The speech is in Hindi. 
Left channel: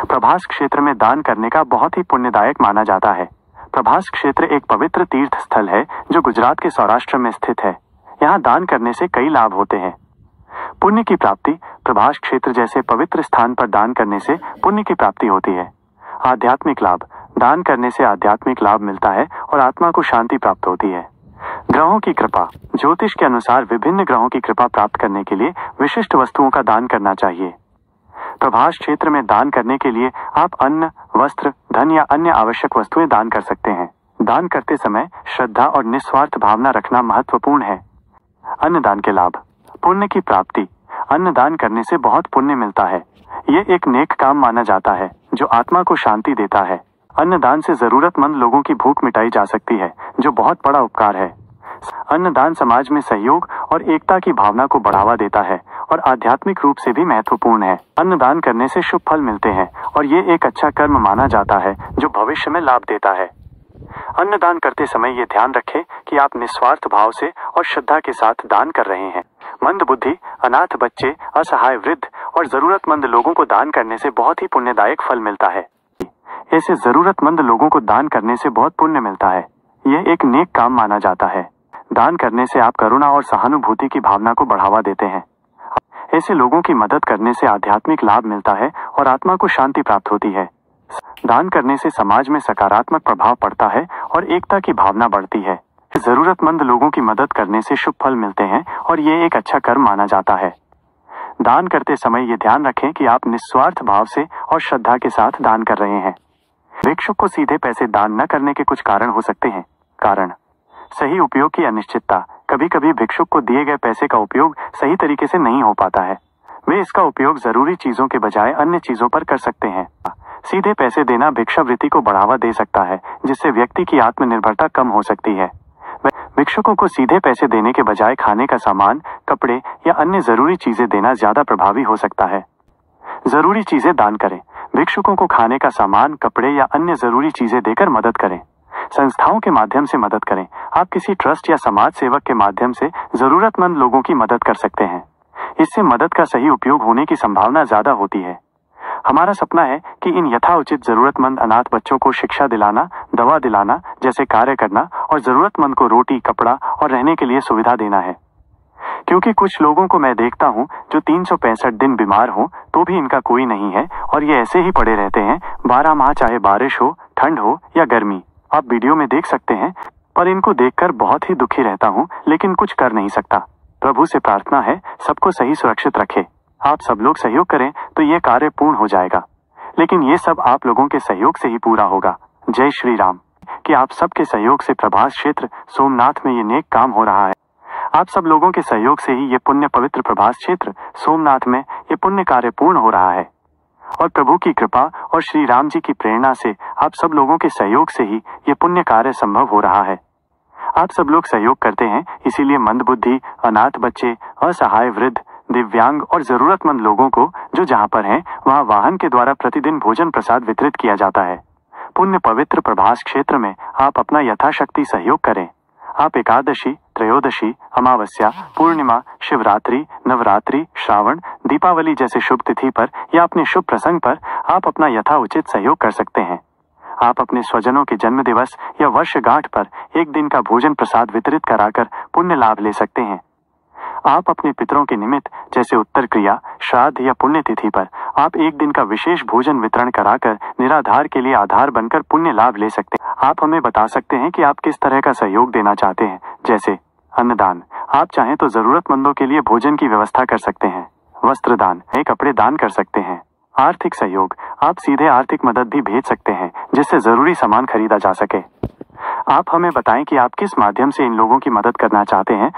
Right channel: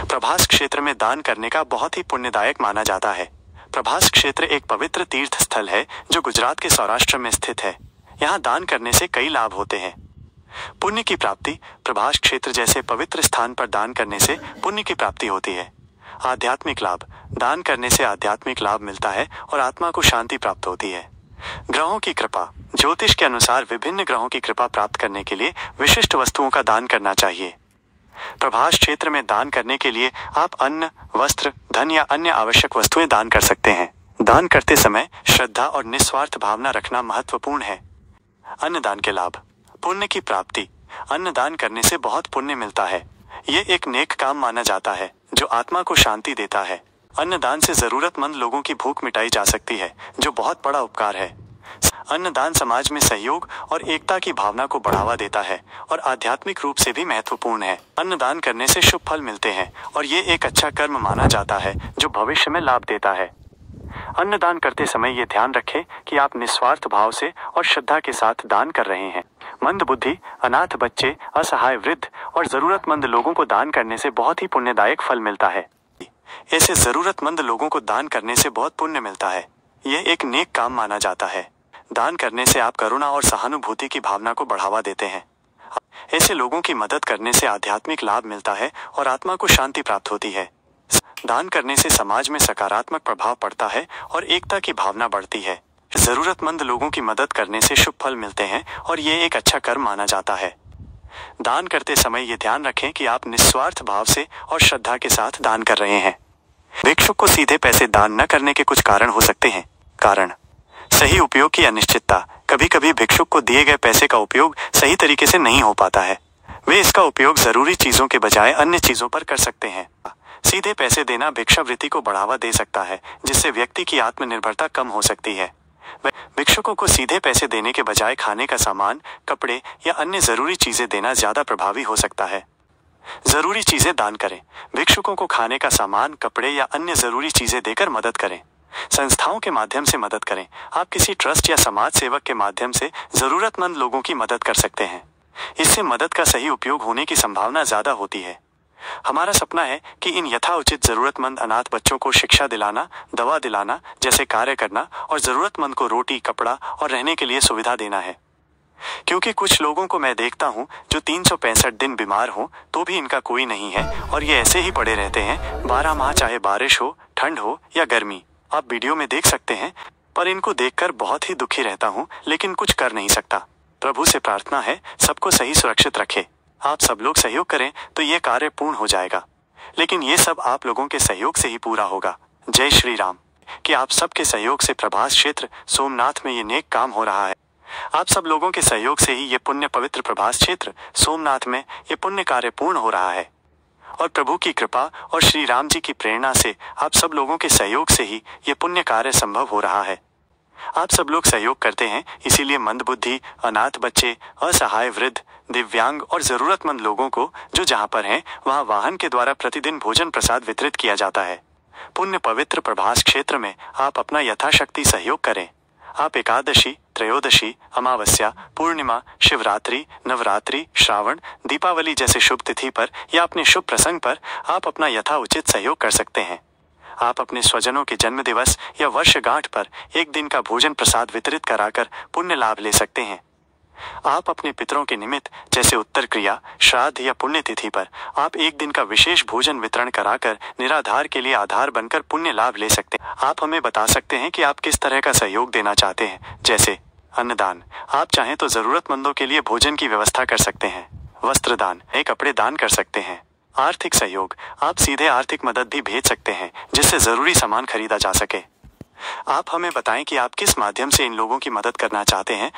प्रभास क्षेत्र में दान करने का बहुत ही पुण्यदायक माना जाता है। प्रभास क्षेत्र एक पवित्र तीर्थ स्थल है जो गुजरात के सौराष्ट्र में स्थित है। यहाँ दान करने से कई लाभ होते हैं। पुण्य की प्राप्ति। प्रभास क्षेत्र जैसे पवित्र स्थान पर दान करने से पुण्य की प्राप्ति होती है। आध्यात्मिक लाभ। दान करने से आध्यात्मिक लाभ मिलता है और आत्मा को शांति प्राप्त होती है। ग्रहों की कृपा। ज्योतिष के अनुसार विभिन्न ग्रहों की कृपा प्राप्त करने के लिए विशिष्ट वस्तुओं का दान करना चाहिए। प्रभास क्षेत्र में दान करने के लिए आप अन्न, वस्त्र, धन या अन्य आवश्यक वस्तुएं दान कर सकते हैं। दान करते समय श्रद्धा और निस्वार्थ भावना रखना महत्वपूर्ण है। अन्नदान के लाभ। पुण्य की प्राप्ति। अन्नदान करने से बहुत पुण्य मिलता है। ये एक नेक काम माना जाता है जो आत्मा को शांति देता है। अन्नदान से जरूरतमंद लोगों की भूख मिटाई जा सकती है, जो बहुत बड़ा उपकार है। अन्नदान समाज में सहयोग और एकता की भावना को बढ़ावा देता है और आध्यात्मिक रूप से भी महत्वपूर्ण है। अन्नदान करने से शुभ फल मिलते हैं और ये एक अच्छा कर्म माना जाता है जो भविष्य में लाभ देता है। अन्नदान करते समय ये ध्यान रखें कि आप निस्वार्थ भाव से और श्रद्धा के साथ दान कर रहे हैं। मंदबुद्धि, अनाथ बच्चे, असहाय वृद्ध और जरूरतमंद लोगों को दान करने से बहुत ही पुण्यदायक फल मिलता है। ऐसे जरूरतमंद लोगों को दान करने से बहुत पुण्य मिलता है। यह एक नेक काम माना जाता है। दान करने से आप करुणा और सहानुभूति की भावना को बढ़ावा देते हैं। ऐसे लोगों की मदद करने से आध्यात्मिक लाभ मिलता है और आत्मा को शांति प्राप्त होती है। दान करने से समाज में सकारात्मक प्रभाव पड़ता है और एकता की भावना बढ़ती है। जरूरतमंद लोगों की मदद करने से शुभ फल मिलते हैं और ये एक अच्छा कर्म माना जाता है। दान करते समय ये ध्यान रखें कि आप निस्वार्थ भाव से और श्रद्धा के साथ दान कर रहे हैं। भिक्षुक को सीधे पैसे दान न करने के कुछ कारण हो सकते हैं। कारण: सही उपयोग की अनिश्चितता। कभी कभी भिक्षुक को दिए गए पैसे का उपयोग सही तरीके से नहीं हो पाता है। वे इसका उपयोग जरूरी चीजों के बजाय अन्य चीजों पर कर सकते हैं। सीधे पैसे देना भिक्षावृत्ति को बढ़ावा दे सकता है, जिससे व्यक्ति की आत्मनिर्भरता कम हो सकती है। भिक्षुकों को सीधे पैसे देने के बजाय खाने का सामान, कपड़े या अन्य जरूरी चीजें देना ज्यादा प्रभावी हो सकता है। जरूरी चीजें दान करें। भिक्षुकों को खाने का सामान, कपड़े या अन्य जरूरी चीजें देकर मदद करें। संस्थाओं के माध्यम से मदद करें। आप किसी ट्रस्ट या समाज सेवक के माध्यम से जरूरतमंद लोगों की मदद कर सकते हैं। इससे मदद का सही उपयोग होने की संभावना ज्यादा होती है। हमारा सपना है कि इन यथाउचित जरूरतमंद अनाथ बच्चों को शिक्षा दिलाना, दवा दिलाना जैसे कार्य करना और जरूरतमंद को रोटी, कपड़ा और रहने के लिए सुविधा देना है। क्योंकि कुछ लोगों को मैं देखता हूँ जो 365 दिन बीमार हो तो भी इनका कोई नहीं है और ये ऐसे ही पड़े रहते हैं 12 माह, चाहे बारिश हो, ठंड हो या गर्मी। आप वीडियो में देख सकते हैं, पर इनको देखकर बहुत ही दुखी रहता हूँ, लेकिन कुछ कर नहीं सकता। प्रभु से प्रार्थना है सबको सही सुरक्षित रखे। आप सब लोग सहयोग करें तो ये कार्य पूर्ण हो जाएगा, लेकिन ये सब आप लोगों के सहयोग से ही पूरा होगा। जय श्री राम। कि आप सबके सहयोग से प्रभास क्षेत्र सोमनाथ में ये नेक काम हो रहा है। आप सब लोगों के सहयोग से ही ये पुण्य पवित्र प्रभास क्षेत्र सोमनाथ में ये पुण्य कार्य पूर्ण हो रहा है और प्रभु की कृपा और श्री राम जी की प्रेरणा से आप सब लोगों के सहयोग से ही ये पुण्य कार्य संभव हो रहा है। आप सब लोग सहयोग करते हैं, इसीलिए मंदबुद्धि, अनाथ बच्चे, असहाय वृद्ध, दिव्यांग और जरूरतमंद लोगों को जो जहाँ पर हैं वहाँ वाहन के द्वारा प्रतिदिन भोजन प्रसाद वितरित किया जाता है। पुण्य पवित्र प्रभास क्षेत्र में आप अपना यथाशक्ति सहयोग करें। आप एकादशी, त्रयोदशी, अमावस्या, पूर्णिमा, शिवरात्रि, नवरात्रि, श्रावण, दीपावली जैसे शुभ तिथि पर या अपने शुभ प्रसंग पर आप अपना यथाउचित सहयोग कर सकते हैं। आप अपने स्वजनों के जन्म दिवस या वर्षगांठ पर एक दिन का भोजन प्रसाद वितरित कराकर पुण्य लाभ ले सकते हैं। आप अपने पितरों के निमित्त जैसे उत्तर क्रिया, श्राद्ध या पुण्यतिथि पर आप एक दिन का विशेष भोजन वितरण कराकर निराधार के लिए आधार बनकर पुण्य लाभ ले सकते हैं। आप हमें बता सकते हैं कि आप किस तरह का सहयोग देना चाहते हैं, जैसे अन्नदान। आप चाहें तो जरूरतमंदों के लिए भोजन की व्यवस्था कर सकते हैं। वस्त्रदान, नए कपड़े दान कर सकते हैं। आर्थिक सहयोग, आप सीधे आर्थिक मदद भी भेज सकते हैं जिससे जरूरी सामान खरीदा जा सके। आप हमें बताएं कि आप किस माध्यम से इन लोगों की मदद करना चाहते हैं।